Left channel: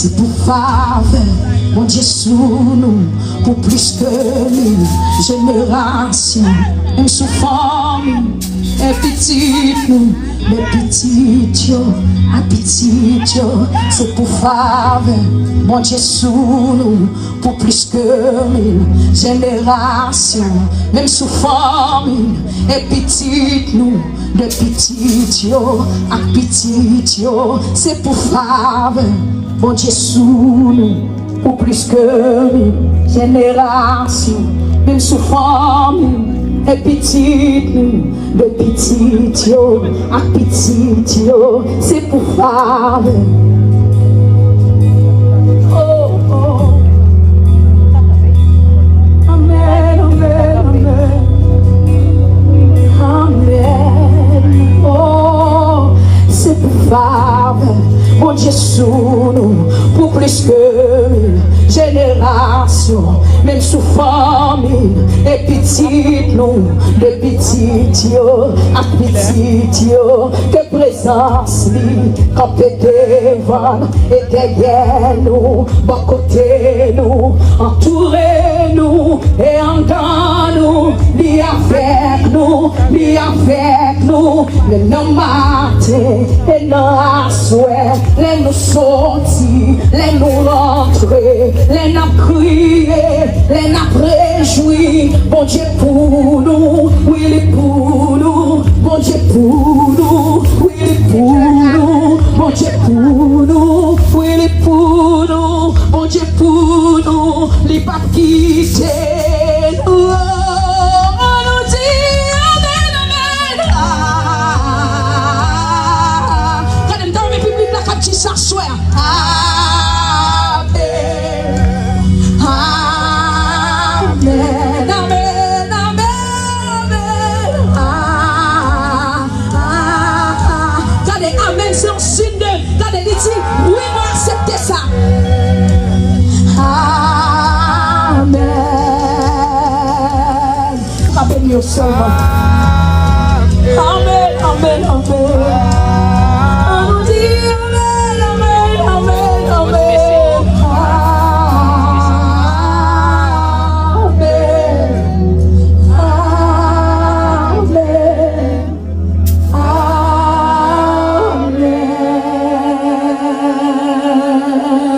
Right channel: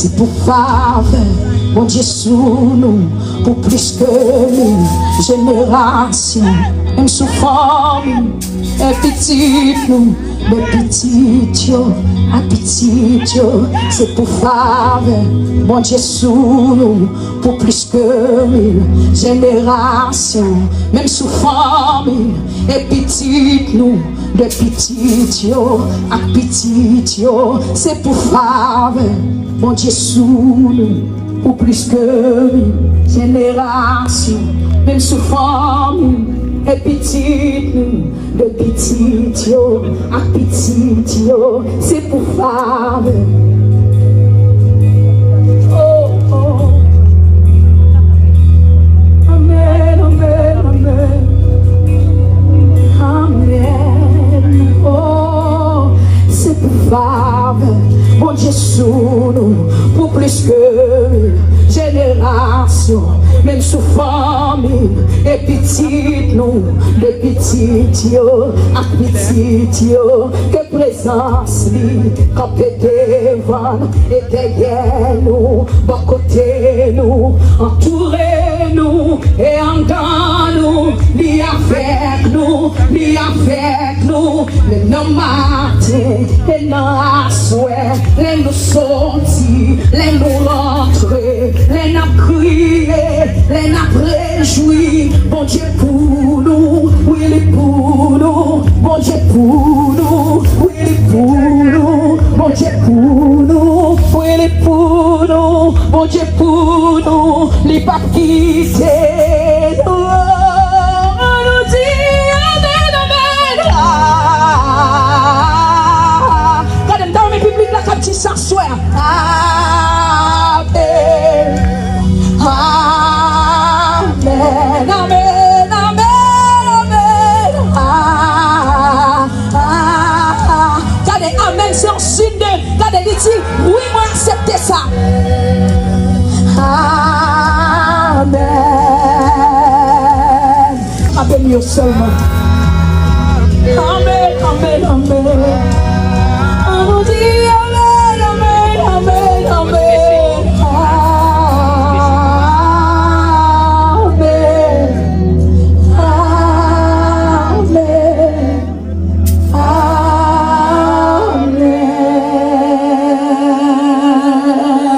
C'est pour faveur, mon Dieu sous nous, pour plus que nous, génération, même sous forme, et petit nous, les petits yo, à petit yo, c'est pour faveur, mon Dieu sous nous, pour plus que nous, génération, même sous forme, et petit nous, de petit yo, à petit yo, c'est pour faveur, mon Dieu sous nous, pour plus que nous, génération, même sous forme, et petit nous, de petit yo, à petit yo, c'est pour faveur. Mon Dieu sous nous, pour plus que génération, même sous famille, et petit nous, de petit yo, à petit yo, que présence lui, campé devant et derrière nous, bas côté nous, entouré nous, et en dans nous, ni avec nous, les noms matin, et non souhait, les nous sortis, les nous rentrer, les nous crier, les nous réjouir, bon Dieu pour nous, oui pour nous, bon Dieu pour nous, oui pour nous, bon Dieu pour nous, oui pour nous, bon Dieu pour nous, les baptisés, nous dit amen, amen. Quand même dans mes publics là, quand tu s'assois, amen, amen, amen, amen, amen. Quand des amen, c'est un signe de, quand des dit, oui, moi accepter ça. Amen, seulement. Amen, amen, amen.